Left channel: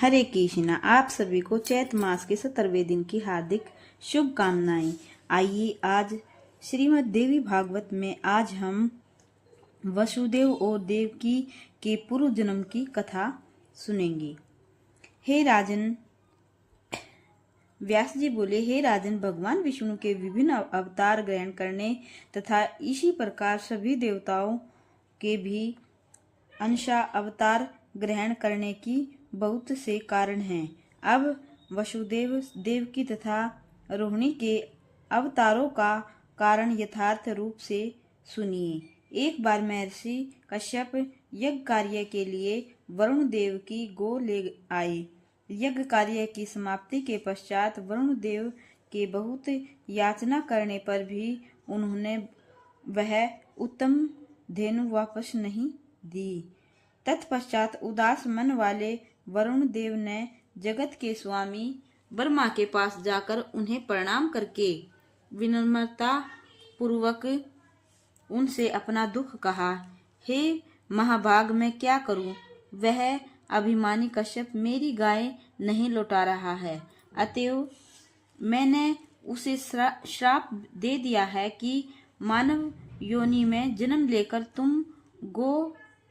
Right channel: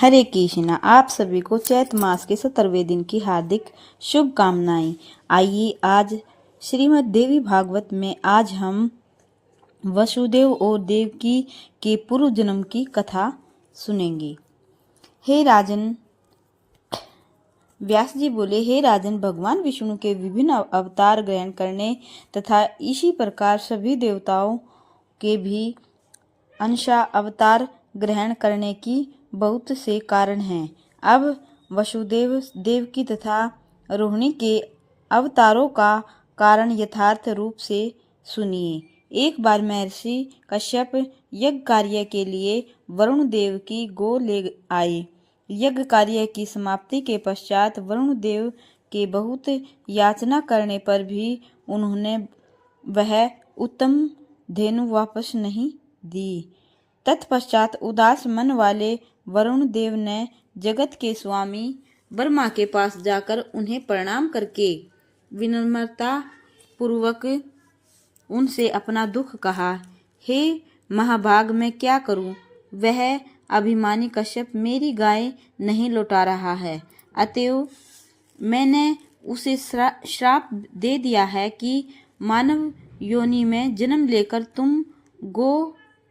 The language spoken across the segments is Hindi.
हरे कृष्णा। आप सभी को चैत मास के 17वें दिन की हार्दिक शुभकामनाएं। आइए आज श्रीमद् देवी भागवत में आज हम वसुदेव और देवकी के पूर्व जन्म की कथा सुनेंगे। हे राजन, व्यास जी बोले, हे राजन, भगवान विष्णु के विभिन्न अवतार ग्रहण करने तथा इसी प्रकार सभी देवताओं के भी अंशा अवतार ग्रहण करने की बहुत से कारण हैं। अब वसुदेव, देवकी तथा रोहिणी के अवतारों का कारण यथार्थ रूप से सुनिए। एक बार महर्षि कश्यप यज्ञ कार्य के लिए वरुण देव की गो ले आए। यज्ञ कार्य की समाप्ति के पश्चात वरुण देव के बहुत याचना करने पर भी उन्होंने वह उत्तम धेनु वापस नहीं दी। तत्पश्चात उदास मन वाले वरुण देव ने जगत के स्वामी ब्रह्मा के पास जाकर उन्हें प्रणाम करके विनम्रता पूर्वक उनसे अपना दुख कहा। हे महाभाग, मैं क्या करूं? वह अभिमानी कश्यप मेरी गाय नहीं लौटा रहा है, अतएव मैंने उसे श्राप दे दिया है कि मानव योनि में जन्म लेकर तुम गो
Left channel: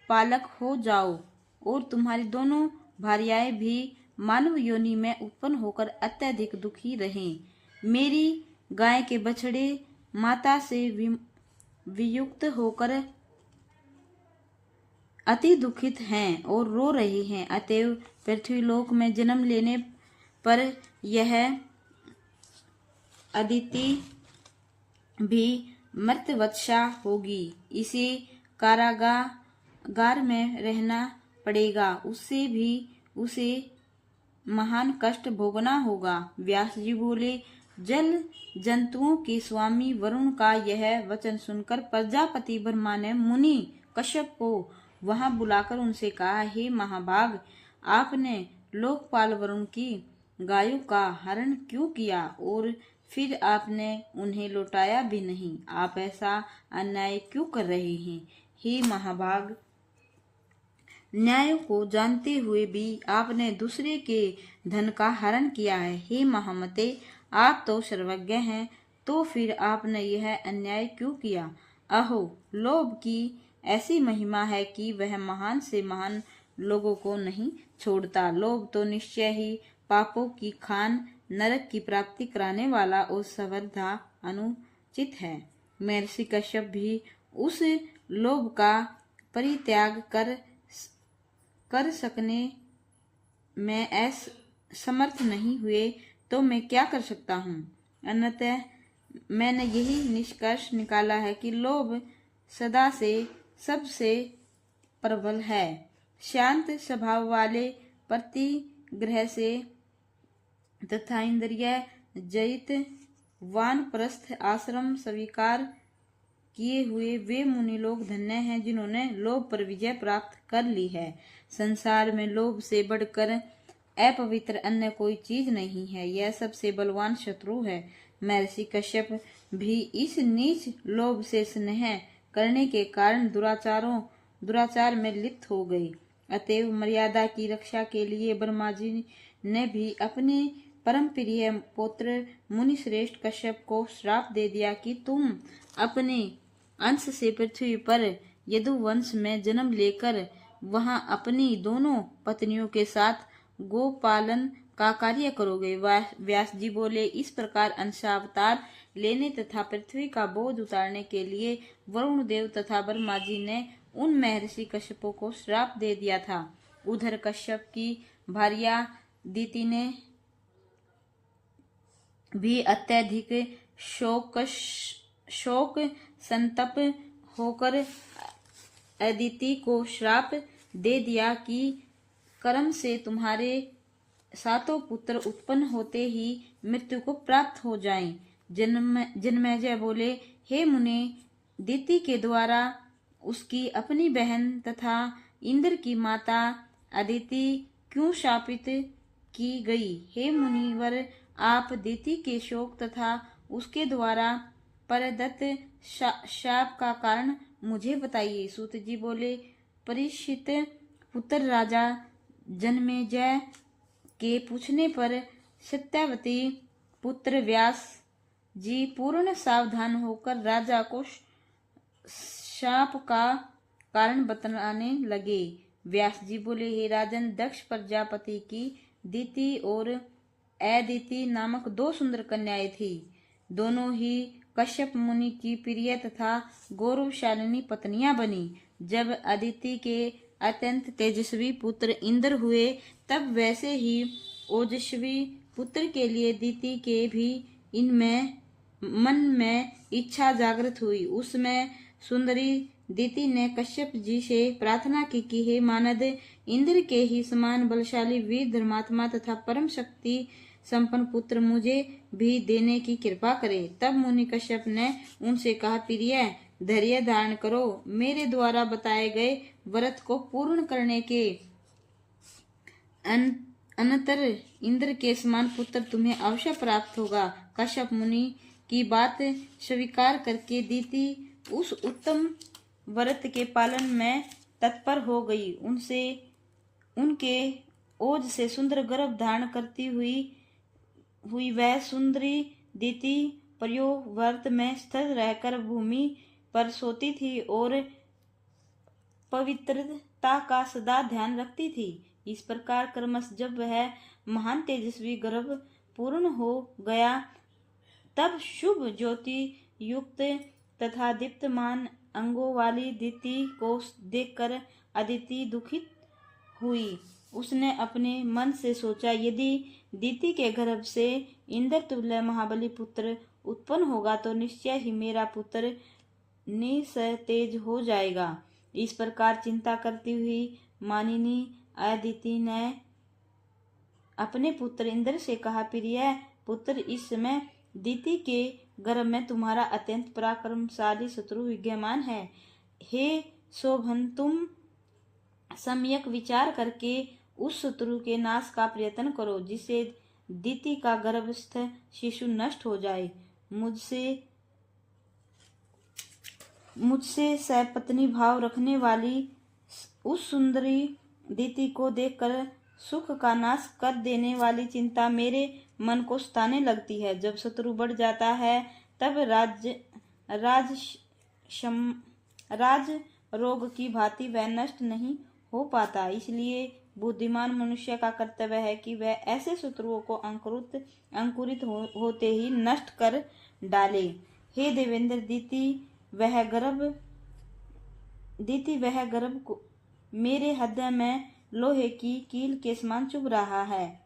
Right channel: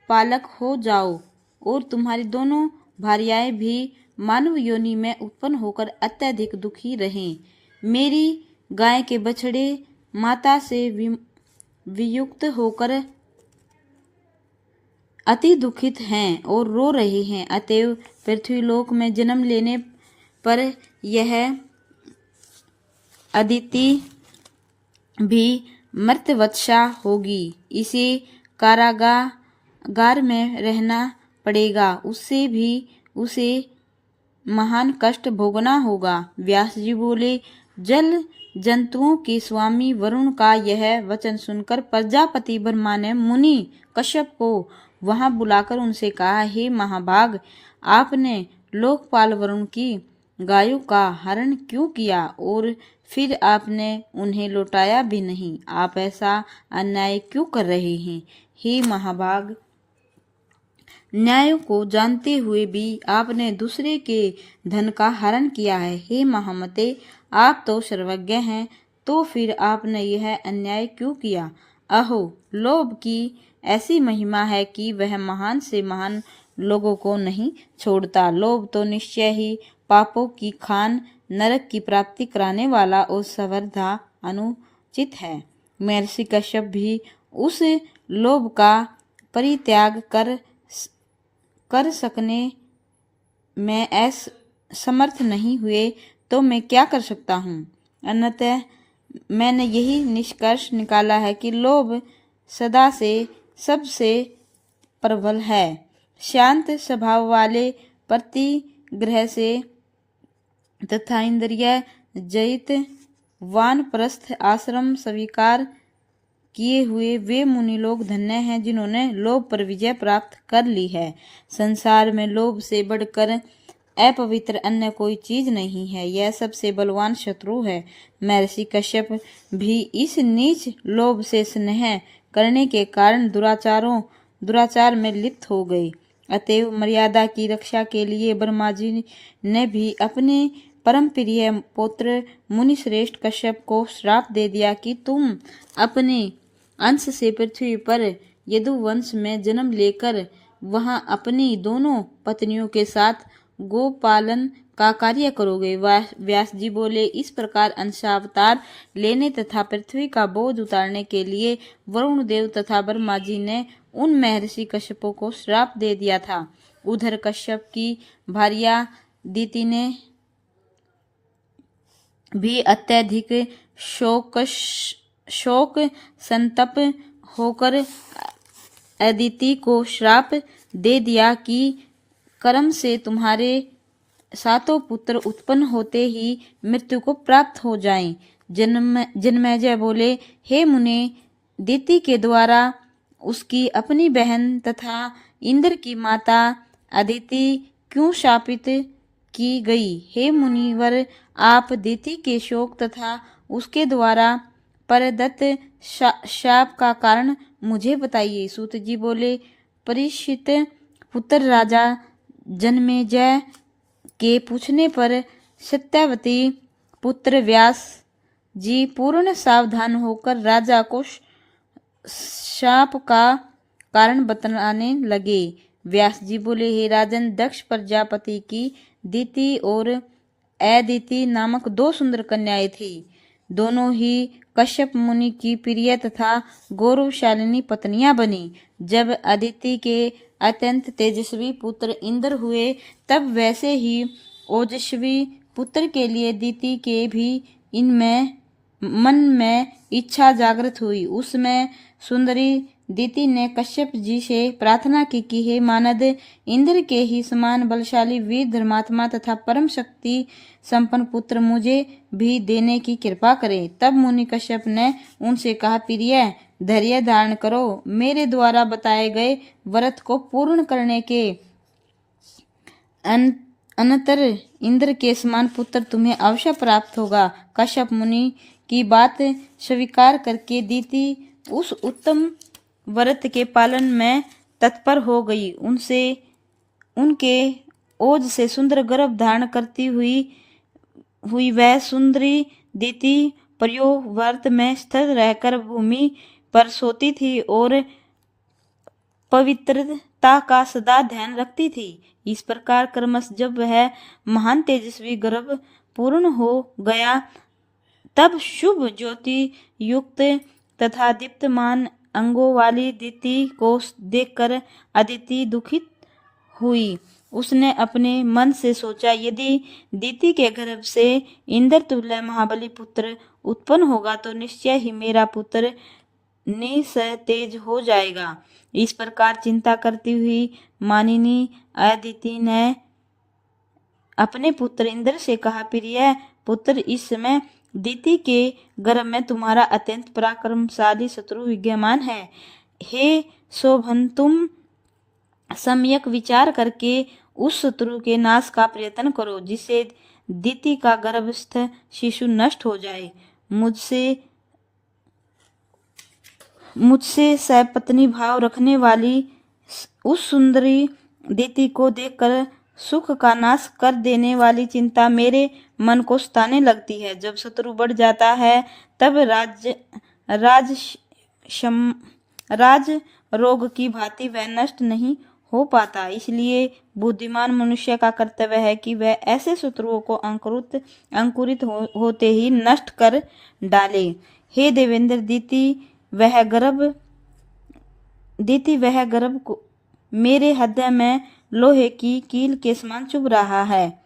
पालक हो जाओ और तुम्हारी दोनों भार्याएं भी मानव योनि में उत्पन्न होकर अत्यधिक दुखी रहें। मेरी गाय के बछड़े माता से वियुक्त होकर अति दुखित हैं और रो रहे हैं, अतएव पृथ्वीलोक में जन्म लेने पर यह अदिति भी मर्त्यवत्सा होगी। इसे कारागार में रहना पड़ेगा, उससे भी उसे महान कष्ट भोगना होगा। व्यास जी बोले, जल जंतुओं के स्वामी वरुण का यह वचन सुनकर प्रजापति ब्रह्मा ने मुनि कश्यप को वहां बुलाकर उनसे कहा, हे महाभाग, आपने लोकपाल वरुण की गायों का हरण क्यों किया और फिर आपने उन्हें लौटाया भी नहीं? आप ऐसा अन्याय क्यों कर रहे हैं? हे महाभाग, न्याय को जानते हुए भी आपने दूसरे के धन का हरण किया है। हे महामते, आप तो सर्वज्ञ हैं, तो फिर आपने यह अन्याय क्यों किया? अहो, लोभ की ऐसी महिमा है कि वह महान से महान लोगों को नहीं छोड़ता। लोभ तो निश्चय ही पापों की खान, नरक की प्राप्ति कराने वाला और सर्वथा अनुचित है। महर्षि कश्यप भी उस लोभ का परित्याग कर सकने में समर्थ नहीं हुए, तो मैं क्या कर सकता हूँ? अन्यतः मैंने यही निष्कर्ष निकाला है कि लोभ सदा से सबसे प्रबल है। शांत स्वभाव वाले प्रतिग्रह से तथा इंद्रिय जयित वानप्रस्थ आश्रम स्वीकार किए हुए वे मुनि लोग धन्य हैं, जिन्होंने लोभ पर विजय प्राप्त कर ली है। संसार में लोभ से बढ़कर अपवित्र अन्य कोई चीज नहीं है, यह सबसे बलवान शत्रु है। महर्षि कश्यप भी इस नीच लोभ से स्नेह करने के कारण दुराचार में लिप्त हो गए। अतएव मर्यादा की रक्षा के लिए ब्रह्मा जी ने भी अपने परम प्रिय पुत्र मुनिश्रेष्ठ कश्यप को श्राप दे दिया कि तुम अपने अंश से पृथ्वी पर यदुवंश में जन्म लेकर वहां अपनी दोनों पत्नियों के साथ गोपालन का कार्य करोगे। व्यास जी बोले, इस प्रकार अंशावतार लेने तथा पृथ्वी का बोझ उतारने के लिए वरुण देव तथा ब्रह्मा जी ने उन महर्षि कश्यपों को श्राप दे दिया था। उधर कश्यप की भार्या दिति ने भी अत्यधिक शोक संतप होकर अदिति को श्राप दे दिया कि कर्म से तुम्हारे सातों पुत्र उत्पन्न होते ही मृत्यु को प्राप्त हो जाएं। जन्मेजय बोले, हे मुने, दिति के द्वारा उसकी अपनी बहन तथा इंद्र की माता अदिति क्यों शापित की गई? हे मुनिवर, आप दिति के शोक तथा उसके द्वारा परदत्त शाप का कारण मुझे बताइए। सूत जी बोले, परीक्षित पुत्र राजा जन्मेजय के पूछने पर सत्यवती पुत्र व्यास जी पूर्ण सावधान होकर राजा को शाप का कारण बतलाने लगे। व्यास जी बोले, हे राजन, दक्ष प्रजापति की दीति और अदिति नामक 2 सुंदर कन्याएं थी। दोनों ही कश्यप मुनि की प्रिय तथा गौरवशालिनी पत्नियां बनी। जब अदिति के अत्यंत तेजस्वी पुत्र इंद्र हुए, तब वैसे ही ओजस्वी पुत्र के लिए दीति के भी इनमें मन में इच्छा जागृत हुई। उसमें सुंदरी दीति ने कश्यप जी से प्रार्थना की कि हे मानद, इंद्र के ही समान बलशाली, वीर, धर्मात्मा तथा परम शक्ति संपन्न पुत्र मुझे भी देने की कृपा करे। तब मुनि कश्यप ने उनसे कहा, प्रिय, धैर्य धारण करो। मेरे द्वारा बताए गए व्रत को पूर्ण करने के अनंतर इंद्र के समान पुत्र तुम्हें अवश्य प्राप्त होगा। कश्यप मुनि की बात स्वीकार करके दीति उस उत्तम व्रत के पालन में तत्पर हो गई। उनके ओज से सुंदर गर्भ धारण करती हुई वह सुंदरी दीति व्रत में स्थिर रहकर भूमि पर सोती थी और पवित्रता का सदा ध्यान रखती थी। इस प्रकार क्रमश जब वह महान तेजस्वी गर्भ पूर्ण हो गया, तब शुभ ज्योति युक्त तथा दीप्तमान अंगों वाली दीति को देखकर अदिति दुखित हुई। उसने अपने मन से सोचा, यदि दीति के गर्भ से इंद्र तुल्य महाबली पुत्र उत्पन्न होगा तो निश्चय ही मेरा पुत्र निस्तेज हो जाएगा। इस प्रकार चिंता करती हुई मानिनी अदिति ने अपने पुत्र इंद्र से कहा, प्रिय पुत्र, इस समय दीति के गर्भ में तुम्हारा अत्यंत पराक्रमशाली शत्रु विद्यमान है। हे शोभन, तुम सम्यक विचार करके उस शत्रु के नाश का प्रयत्न करो, जिससे दीति का गर्भस्थ शिशु नष्ट हो जाए। मुझसे सपत्नी भाव रखने वाली उस सुंदरी दीति को देखकर सुख का नाश कर देने वाली चिंता मेरे मन को सताने लगती है। जब शत्रु बढ़ जाता है, तब राज रोग की भांति वह नष्ट नहीं हो पाता। इसलिए बुद्धिमान मनुष्य का कर्तव्य है कि वह ऐसे शत्रुओं को अंकुरित होते ही नष्ट कर डाले। हे देवेंद्र, दीति वह गर्भ को मेरे हृदय में लोहे की कील के समान चुभ रहा है।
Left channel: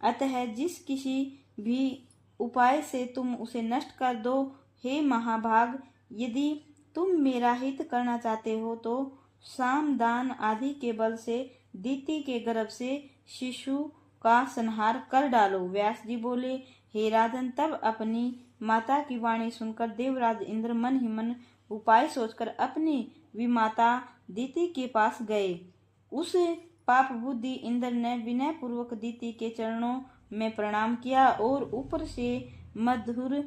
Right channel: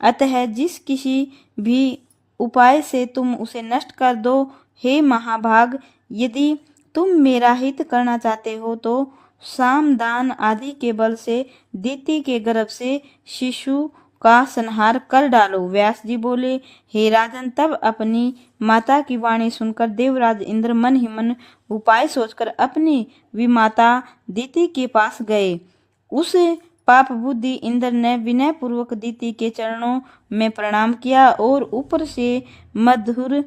अतः जिस किसी भी उपाय से तुम उसे नष्ट कर दो। हे महाभाग, यदि तुम मेरा हित करना चाहते हो तो साम दान आदि के बल से दीति के गर्भ से शिशु का संहार कर डालो। व्यास जी बोले, हे राजन, तब अपनी माता की वाणी सुनकर देवराज इंद्र मन ही मन उपाय सोचकर अपनी विमाता दीति के पास गए। उस पाप बुद्धि इंद्र ने विनय पूर्वक दीति के चरणों में प्रणाम किया और ऊपर से मधुर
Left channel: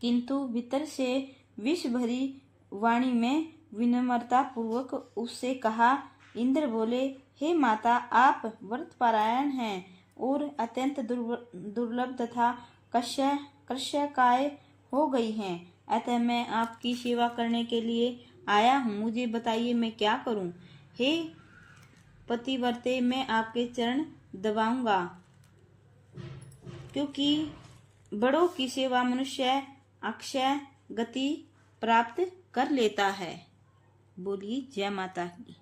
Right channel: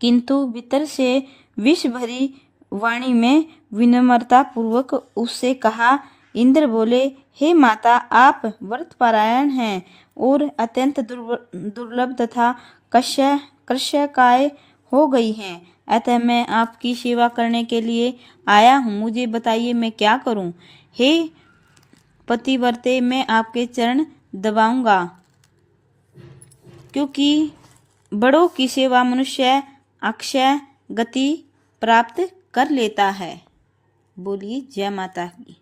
किंतु भीतर से विष भरी वाणी में विनम्रता पूर्वक उससे कहा। इंद्र बोले, हे माता, आप व्रतपरायण हैं और अत्यंत दुर्लभ तथा कृशकाय हो गई हैं। अतः मैं आपकी सेवा करने के लिए आया हूँ। मुझे बताइए, मैं क्या करूँ? हे पतिव्रते, मैं आपके चरण दबाऊंगा, क्योंकि बड़ों की सेवा मनुष्य अक्षय गति प्राप्त कर लेता है। बोलिए जय माता की।